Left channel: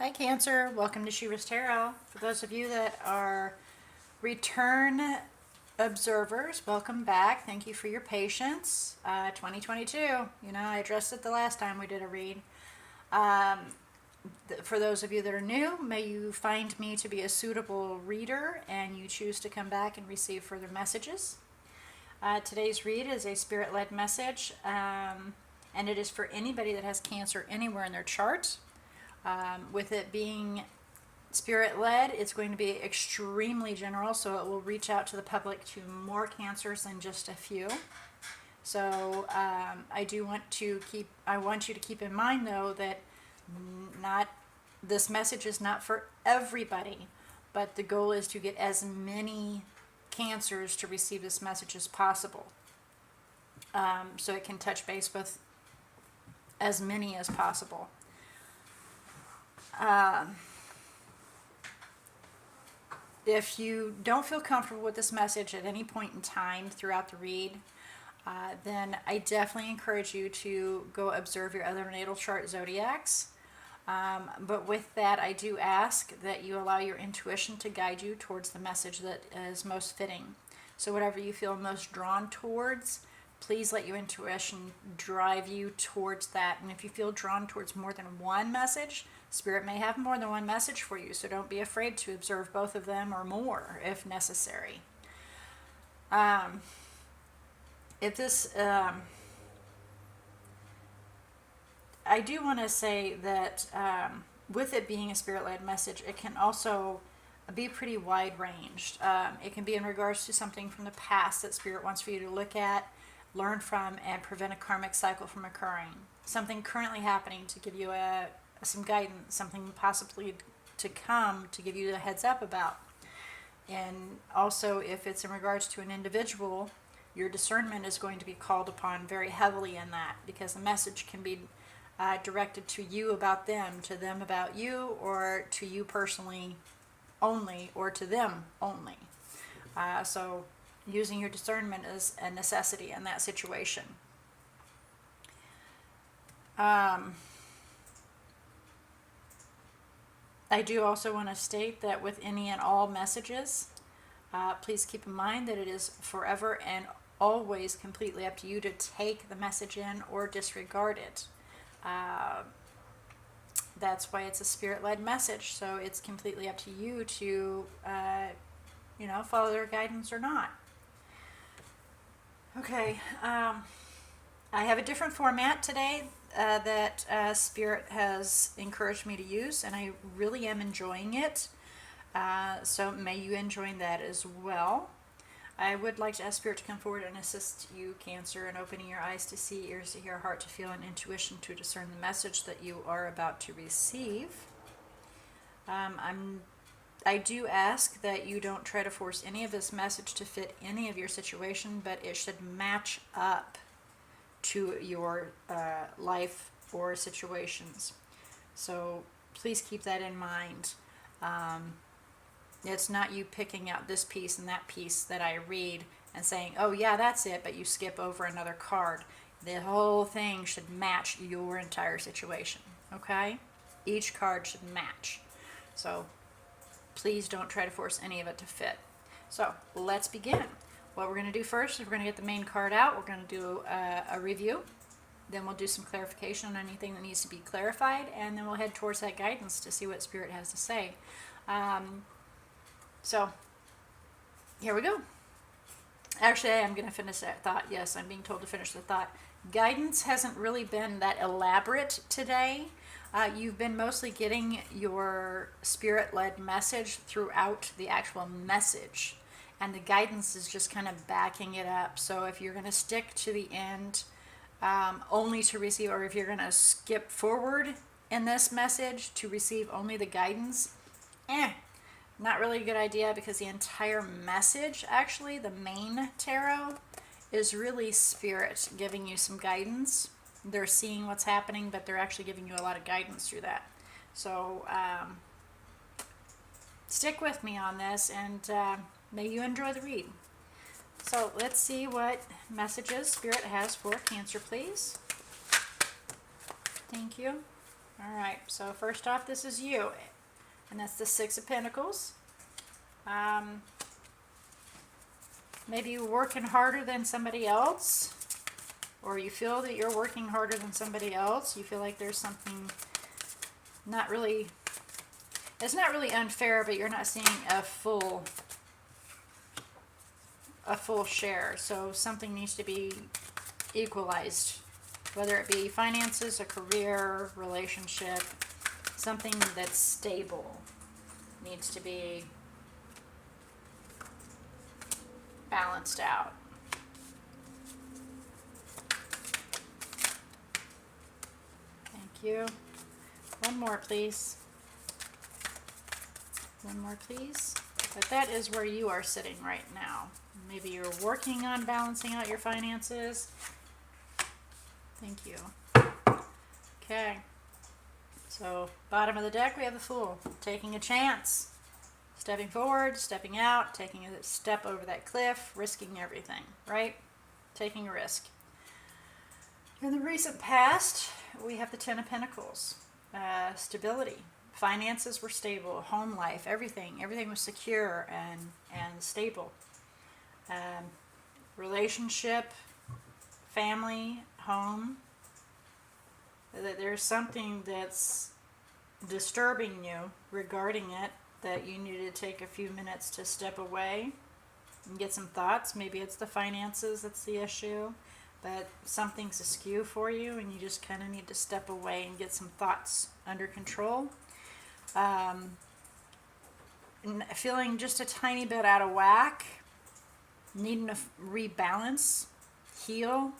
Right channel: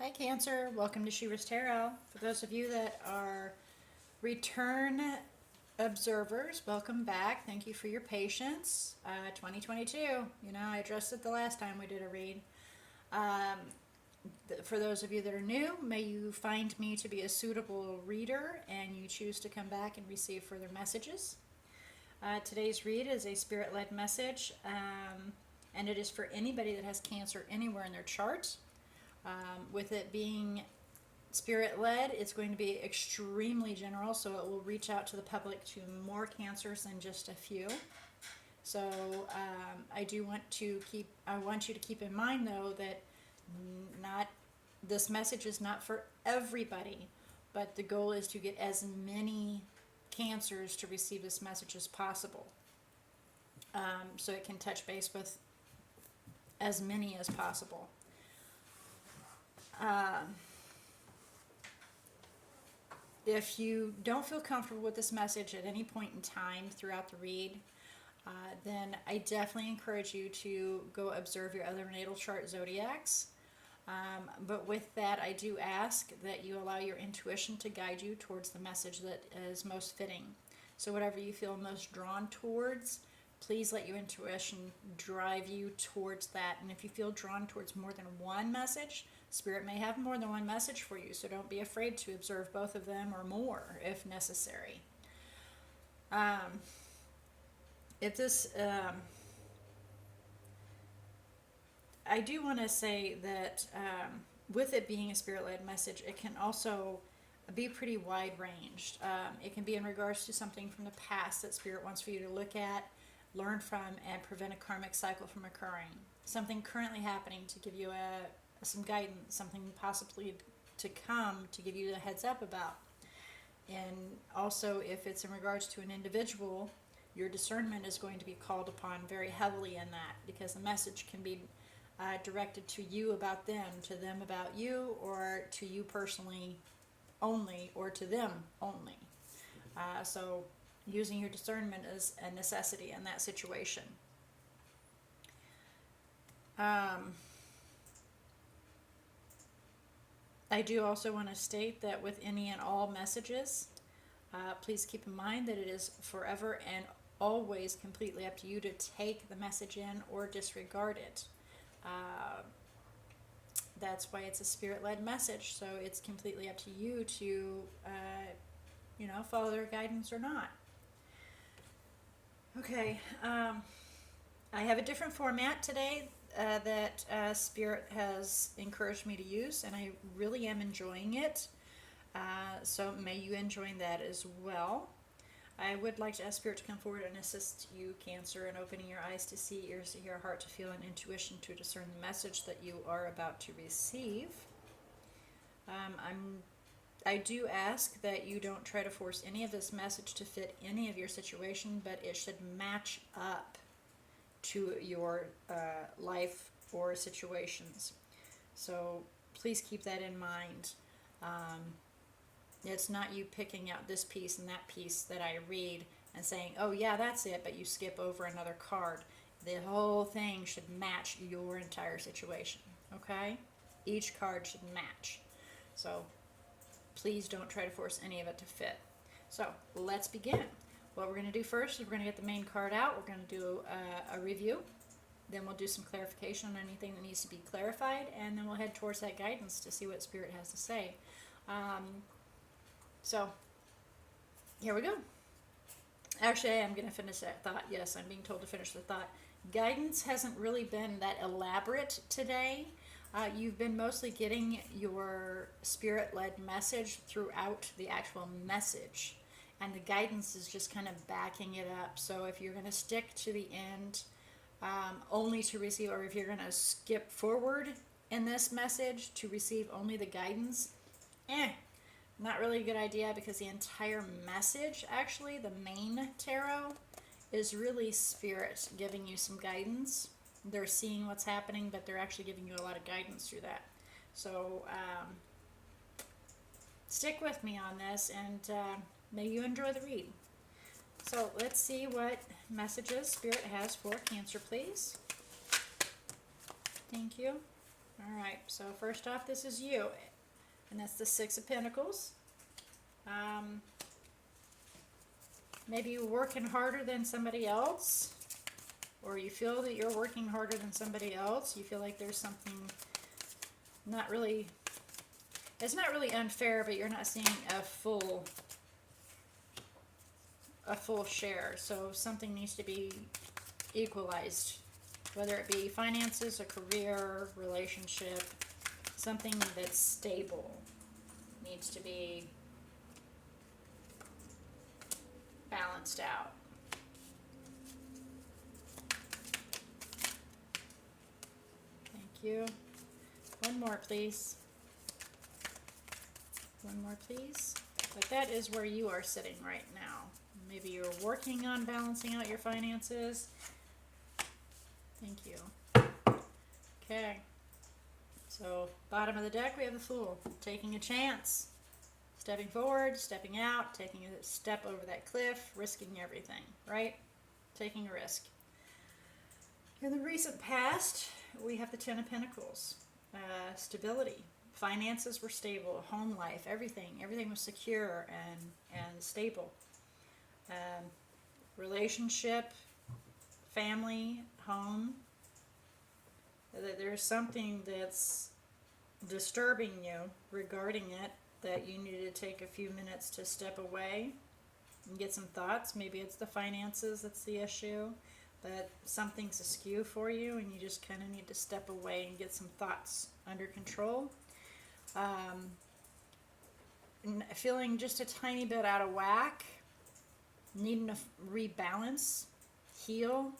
Hi Cancer, welcome to She-ruhz Tarot. For those of you that are return observers, welcome back. Thank you for your patience. 2022, I addressed it the last time we did a read. For those of you that are new, may you find me to be a suitable reader and you choose to come back and receive further messages. Today's read is a spirit-led message, and it is for anybody that has Cancer anywhere in their chart. With it being spirit-led, it's going to be extremely general, so it will reach out to the public to more Cancers than just a few. So I want you to keep in mind, though, that this message is not for everybody, but the goal is to get as many Cancers to receive this message as possible, so it can touch base with as many as possible. If you don't feel comfortable with this message at any point in time throughout the read, then I definitely encourage you to go observe your other natal chart zodiacs. But with that, I do ask that you allow your intuition to guide you towards the message that is most fitting. So whatever you feel most drawn towards, please let your intuition drive you towards that. And if you feel drawn towards more than one message, Spirit may have more than one message for you, so don't be afraid to observe both of them or more if necessary. I do want to say that with it being a spirit-led message, it can also be pretty wide-ranged. It can be in regards to something from the past that Spirit wants for you to look at, learn from, and prevent a karmic cycle from occurring. Something currently happening to give you some guidance, something possibly to come to give you a heads up about. And also, if it's in regards to an individual, your discernment is going to be called upon very heavily in that, because the message can be directed to you about them, to them about you, or to you personally only, or to them only. So using your discernment is a necessity in that situation. I do also want to state that with any and all messages, please keep in mind that it is forever and always completely up to you to take the message in or disregard it. That's why it's a spirit-led message, so it's completely up to you to follow their guidance or not. Okay, I have a different format today that Spirit has encouraged me to use, and I really am enjoying it. So may you enjoy that as well. I would like to ask Spirit to come forward and assist you, Cancer, in opening your eyes to see, ears to hear, heart to feel, and intuition to discern the message that you are about to receive. I do ask that you don't try to force any of this message to fit any of your situation, but it should match up to your life or situations. So please keep that in mind. It's not you picking out this piece and that piece that I read and saying, oh yeah, that's it, but you skip over another card. The whole thing should match your entire situation, okay? Each card should match. So please don't try to force any of it to fit. So let's begin. What we're going to do first is we're going to get the main card out. We're going to do a review. Then we'll do some clarification on anything that needs to be clarified, and then we'll head towards that guidance to see what Spirit has to say. So here we go. Actually, I am going to finish that thought. Yes, I'm being told to finish the thought. Guidance hasn't really been that elaborate today. You've been mostly getting your spirit-led message throughout the actual message, and the guidance is just kind of backing it up. So if you're going to stick to the end only to receive, or if you're going to skip forward in this message to receive only the guidance, not really a good idea, because the entire message, actually, the main tarot, is really Spirit giving you some guidance. They're seeing what's happening, but they're actually giving you a lot of guidance through that. So stick with me on this, and may you enjoy the read. So let's see what messages Spirit has for Cancer, please. Thank you. All right, so first off, this is you, and that's the Six of Pentacles. Maybe you're working harder than somebody else, or you feel that you're working harder than somebody else. You feel like there's something not really, it's not really unfair, but you're not seeing a full share. So something needs to be equalized, whether it be finances, a career, relationship, something that's stable needs to be balanced out. Thank you. One more, please. One more, please. But that is where you are sitting right now. Maybe you're working on balancing out your finances. Thank you. Okay. So, bottom of the deck, we have the Fool. Taking a chance. Stepping forward, stepping out, taking a step over that cliff, risking everything, right? Taking a risk. In the recent past, we have the Ten of Pentacles. Stability. Finances were stable. Home life, everything was secure and stable. Relationship, family, home. There's something that's disturbing you regarding it, that you need to take a few minutes to step away and get some thoughts. Maybe it's the finances that's the issue, but something's askew for you and you just kind of need to step away and get some thoughts under control. Feeling just a tiny bit out of whack, needing to rebalance, heal.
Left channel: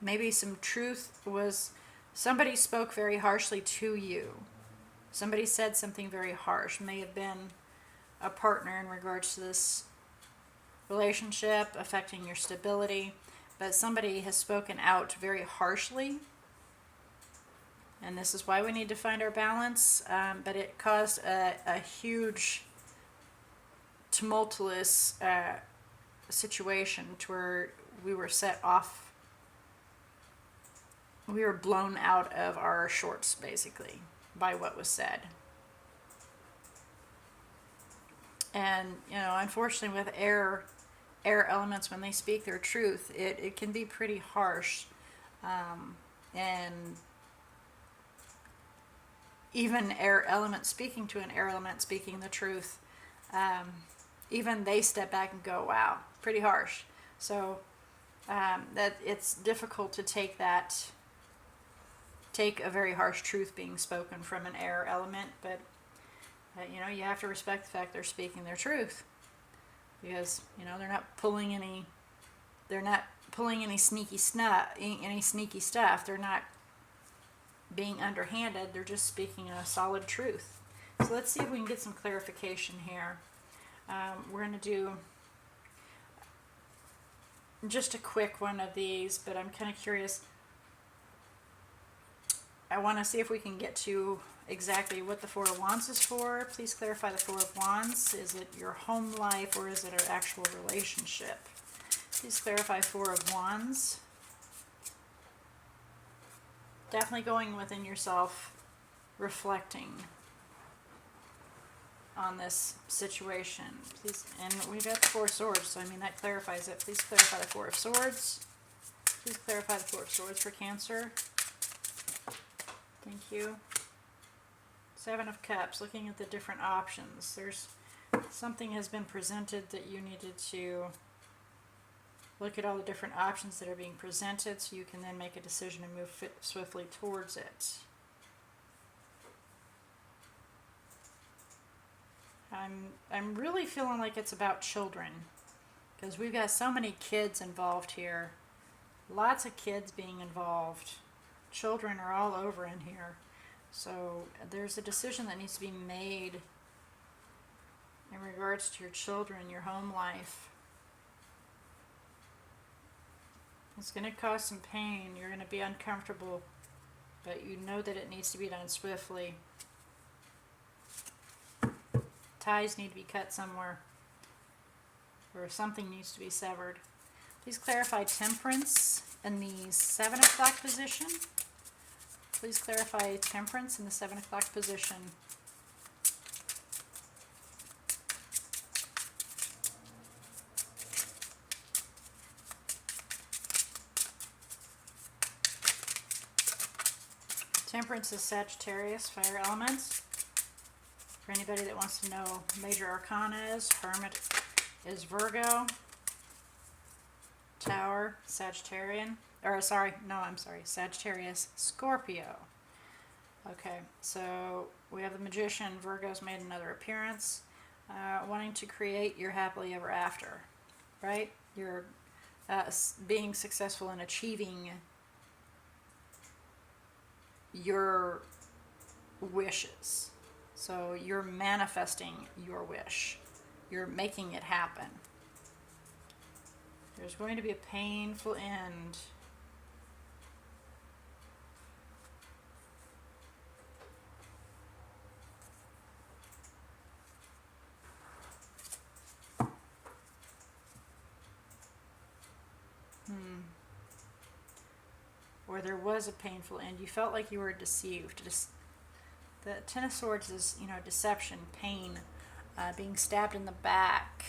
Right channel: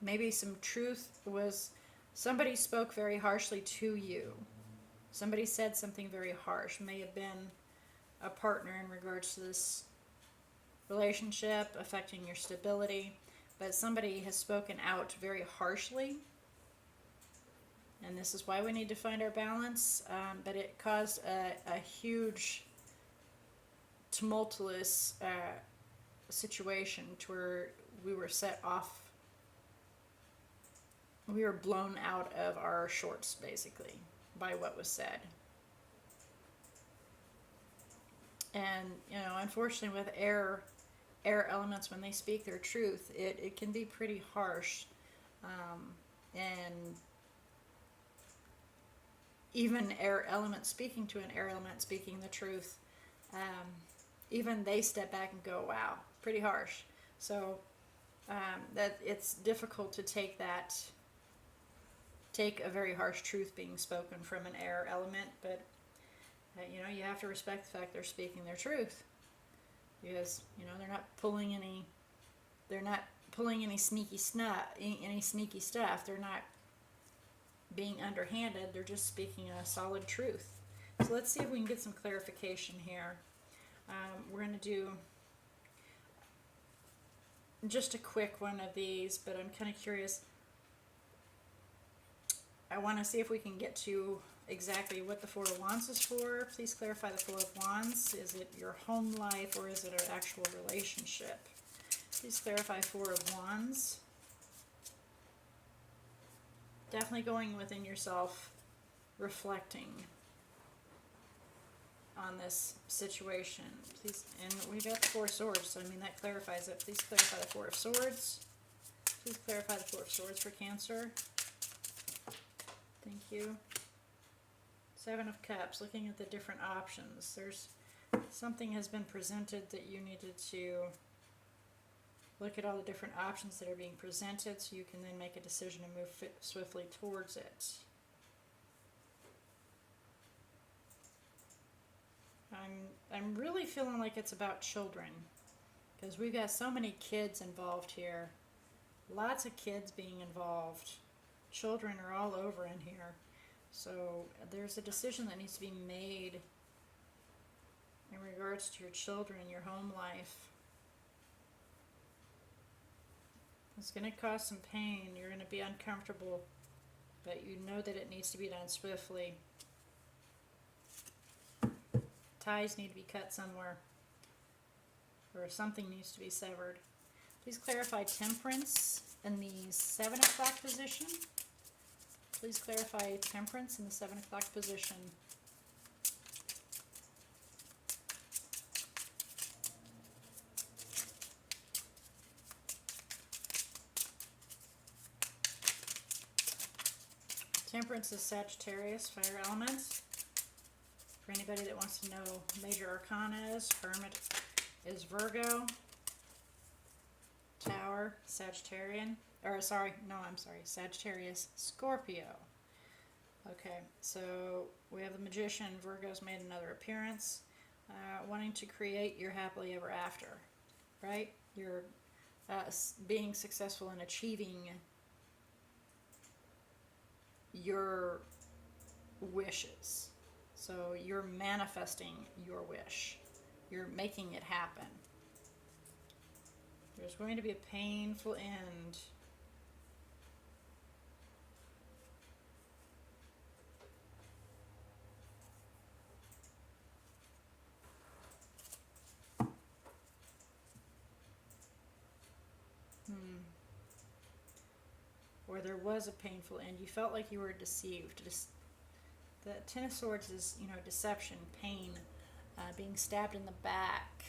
Maybe some truth was, somebody spoke very harshly to you. Somebody said something very harsh. May have been a partner in regards to this relationship affecting your stability, but somebody has spoken out very harshly, and this is why we need to find our balance. But it caused a huge tumultuous situation to where we were set off. We were blown out of our shorts, basically, by what was said. And, you know, unfortunately with air elements, when they speak their truth, it can be pretty harsh. And even air elements speaking to an air element speaking the truth, even they step back and go, wow, pretty harsh. So that it's difficult to take a very harsh truth being spoken from an air element, but you know, you have to respect the fact they're speaking their truth, because you know they're not pulling any sneaky stuff. They're not being underhanded. They're just speaking a solid truth. So let's see if we can get some clarification here. We're going to do just a quick one of these, but I'm kind of curious. I want to see if we can get to exactly what the Four of Wands is for. Please clarify the Four of Wands. Is it your home life or is it an actual relationship? Please clarify Four of Wands. Definitely going within yourself, reflecting on this situation. Please, and we got the Four of Swords, so I mean that clarifies it. Please clarify the Four of Swords. Please clarify the Four of Swords for Cancer. Thank you. Seven of Cups, looking at the different options. There's something has been presented that you needed to look at all the different options that are being presented so you can then make a decision and move swiftly towards it. I'm really feeling like it's about children, because we've got so many kids involved here. Lots of kids being involved. Children are all over in here. So there's a decision that needs to be made in regards to your children, your home life. It's going to cause some pain. You're going to be uncomfortable, but you know that it needs to be done swiftly. Ties need to be cut somewhere, or something needs to be severed. Please clarify Temperance in the Seven o'clock position. Please clarify Temperance in the 7 o'clock position. Temperance is Sagittarius, fire elements. For anybody that wants to know, Major Arcana is, Hermit is Virgo, Tower, Sagittarian, Sagittarius, Scorpio. Okay, so we have the Magician. Virgo's made another appearance, wanting to create your happily ever after, right? You're being successful in achieving your wishes. So you're manifesting your wish. You're making it happen. There's going to be a painful end. Or there was a painful end. You felt like you were deceived. The Ten of Swords is, deception, pain, being stabbed in the back,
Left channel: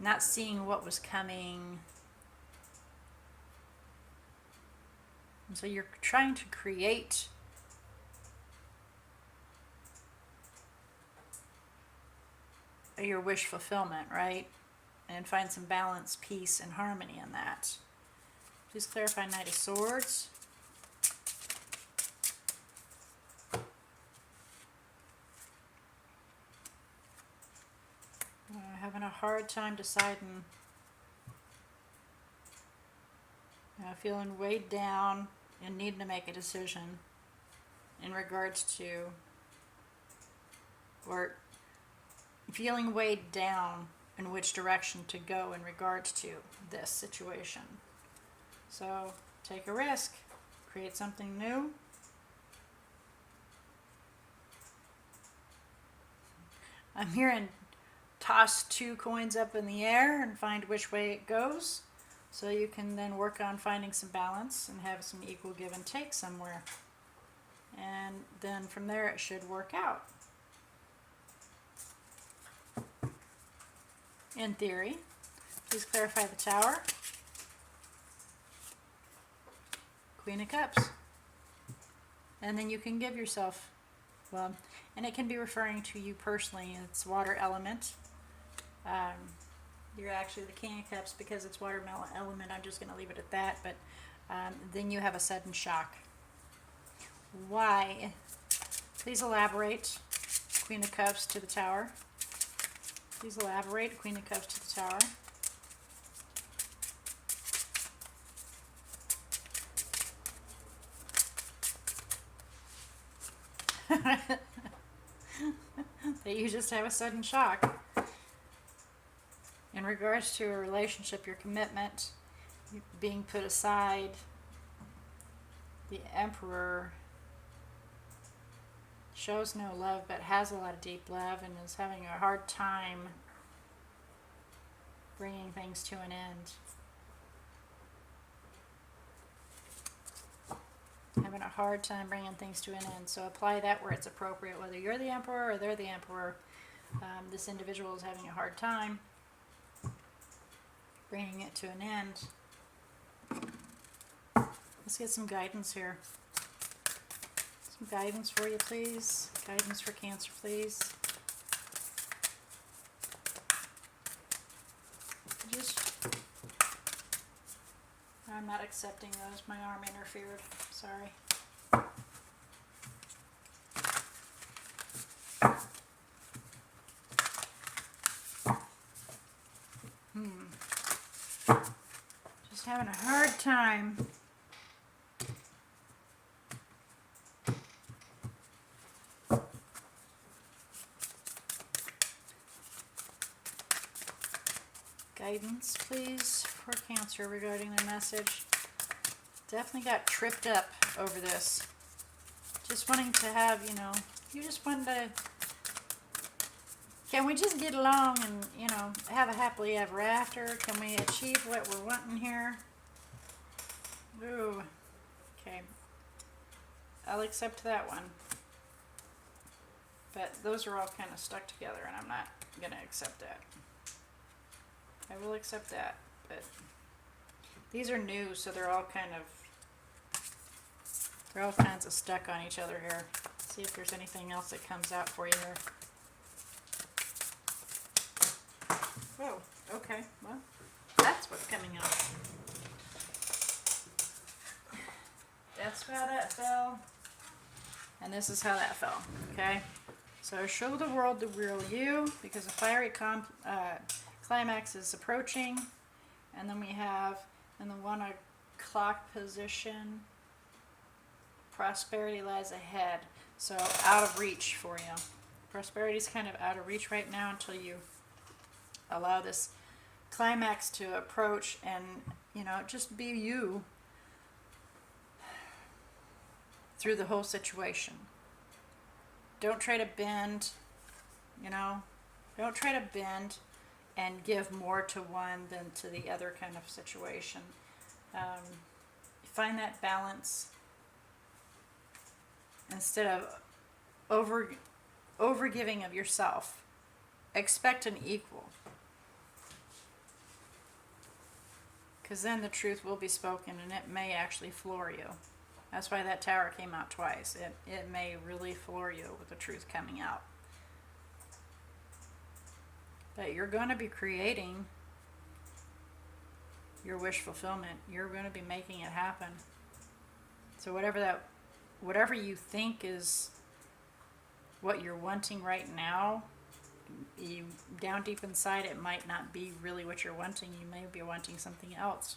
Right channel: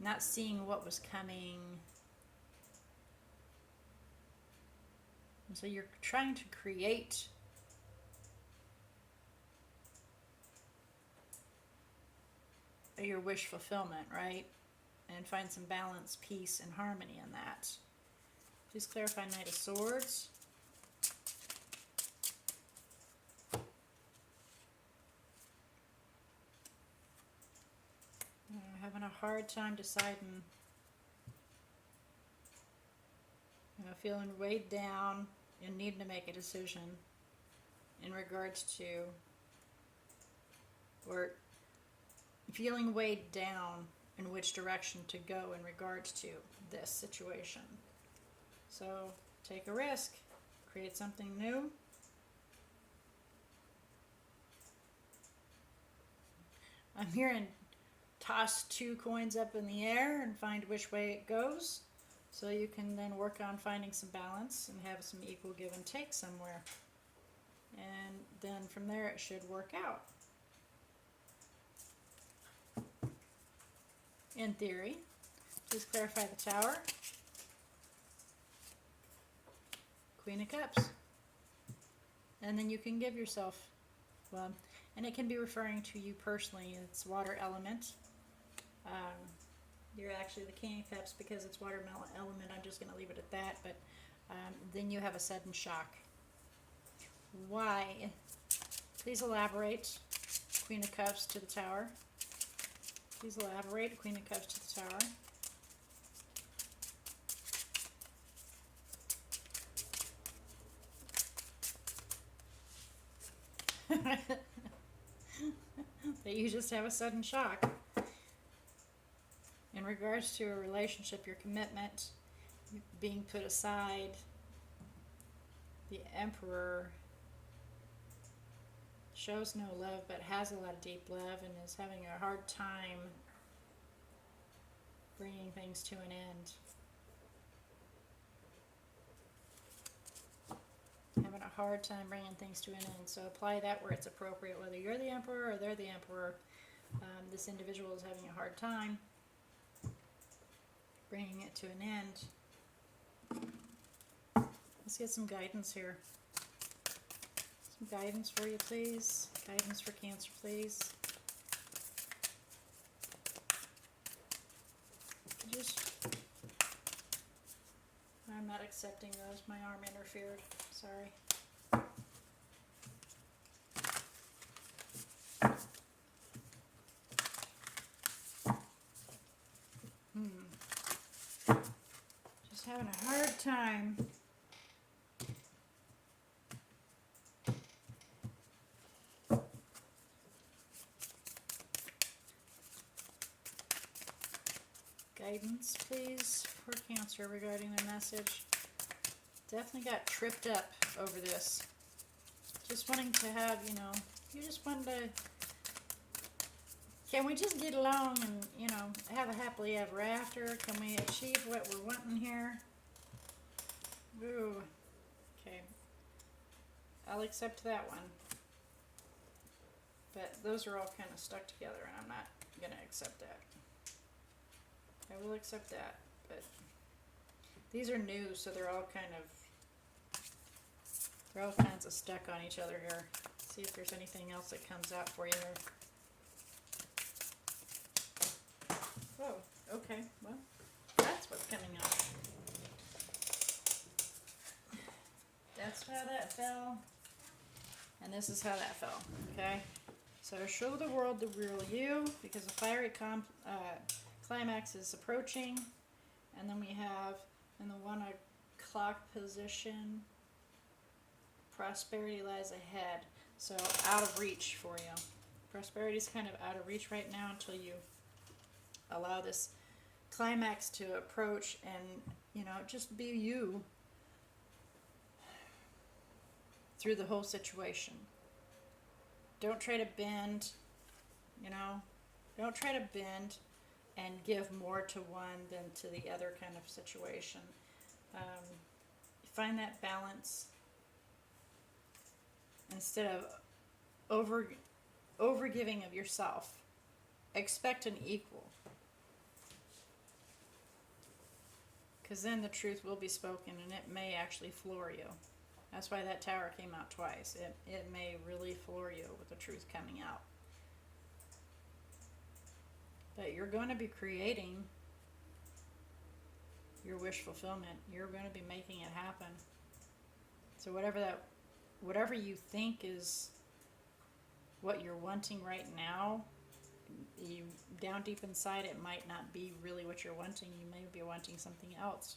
not seeing what was coming. And so you're trying to create your wish fulfillment, right? And find some balance, peace, and harmony in that. Please clarify Knight of Swords. Having a hard time deciding. Feeling weighed down and needing to make a decision in regards to, or feeling weighed down in which direction to go in regards to this situation. So take a risk, create something new. I'm hearing toss 2 coins up in the air and find which way it goes, so you can then work on finding some balance and have some equal give and take somewhere. And then from there it should work out. In theory. Please clarify the Tower. Queen of Cups. And then you can give yourself, and it can be referring to you personally. It's water element. You're actually the King of Cups because it's water element. I'm just going to leave it at that. But then you have a sudden shock. Why? Please elaborate. Queen of Cups to the Tower. Please elaborate. Queen of Cups to the Tower. That you just have a sudden shock. In regards to a relationship, your commitment being put aside, the Emperor shows no love but has a lot of deep love and is having a hard time bringing things to an end. Having a hard time bringing things to an end. So apply that where it's appropriate, whether you're the Emperor or they're the Emperor. This individual is having a hard time bringing it to an end. Let's get some guidance here. Some guidance for you, please. Guidance for Cancer, please. I'm not accepting those. My arm interfered. Sorry. Just having a hard time. Guidance, please, for Cancer regarding the message. Definitely got tripped up over this. Just wanting to have, you just wanted to, can we just get along and, have a happily ever after? Can we achieve what we're wanting here? Ooh, okay. I'll accept that one. But those are all kind of stuck together, and I'm not going to accept that. I will accept that, but these are new, so they're all kinds of stuck on each other here. See if there's anything else that comes out for you here. Oh, okay. Well, that's what's coming up. That's how that fell. And this is how that fell. Okay? So show the world the real you, because the fiery climax is approaching. And then we have in the 1 o'clock position, prosperity lies ahead. So out of reach for you. Prosperity is kind of out of reach right now until you allow this climax to approach and, just be you through the whole situation. Don't try to bend, don't try to bend and give more to one than to the other kind of situation. Find that balance instead of over giving of yourself. Expect an equal. Because then the truth will be spoken and it may actually floor you. That's why that tower came out twice. It may really floor you with the truth coming out. But you're going to be creating your wish fulfillment. You're going to be making it happen. So whatever you think is what you're wanting right now, you down deep inside it might not be really what you're wanting. You may be wanting something else.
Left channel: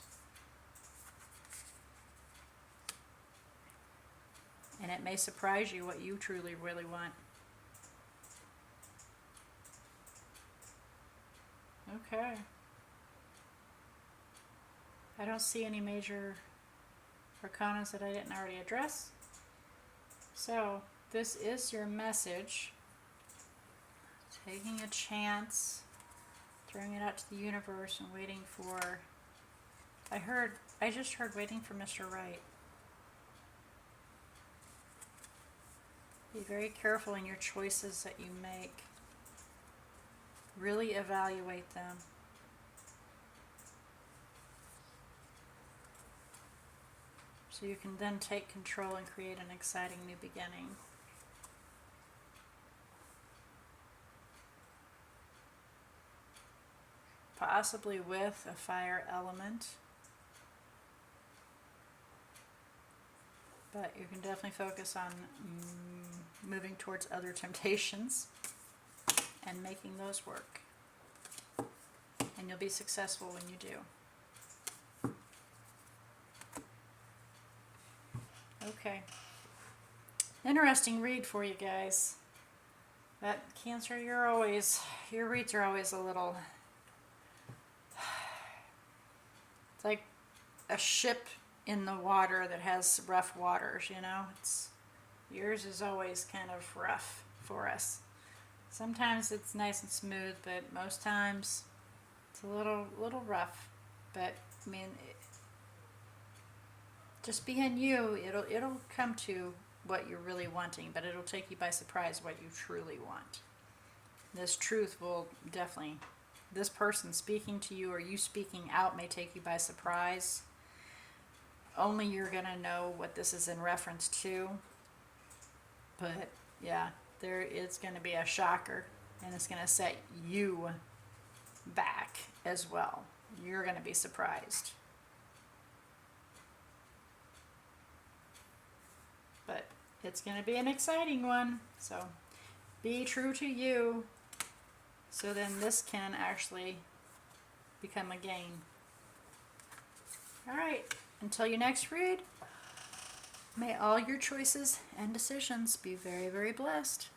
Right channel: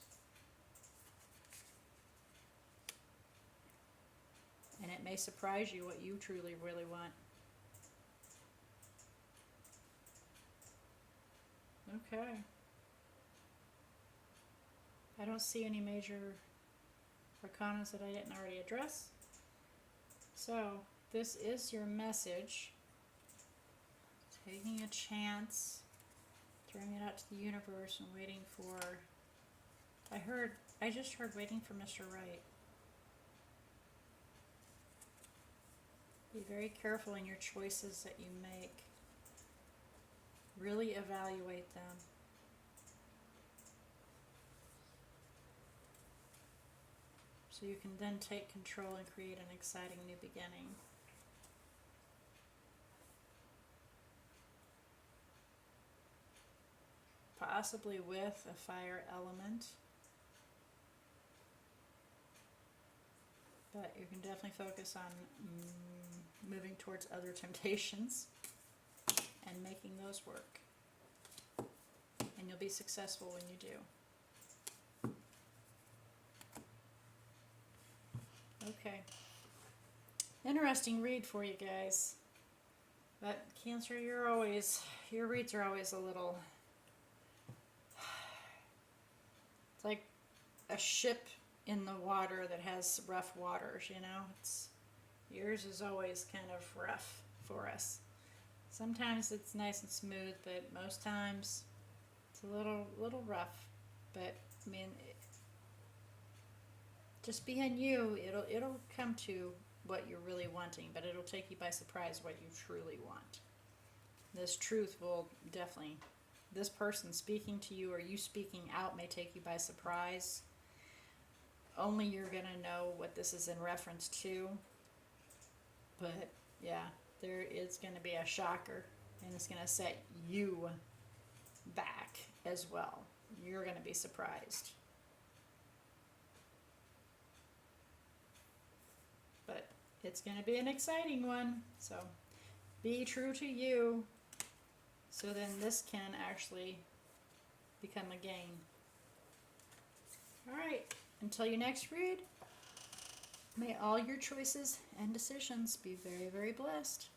And it may surprise you what you truly really want. Okay. I don't see any major arcanas that I didn't already address. So this is your message. Taking a chance, throwing it out to the universe and waiting for, I just heard waiting for Mr. Right. Be very careful in your choices that you make. Really evaluate them. So you can then take control and create an exciting new beginning. Possibly with a fire element. But you can definitely focus on moving towards other temptations and making those work. And you'll be successful when you do. Okay. Interesting read for you guys. But Cancer, your reads are always a little... It's like a ship in the water that has rough waters, yours is always kind of rough for us. Sometimes it's nice and smooth, but most times it's a little rough. But just being you, it'll come to what you're really wanting, but it'll take you by surprise what you truly want. This truth will definitely, this person speaking to you or you speaking out may take you by surprise. Only you're going to know what this is in reference to. But yeah, it's going to be a shocker, and it's going to set you back as well. You're going to be surprised. But it's going to be an exciting one. So be true to you. So then this can actually become a gain. All right. Until your next read, may all your choices and decisions be very, very blessed.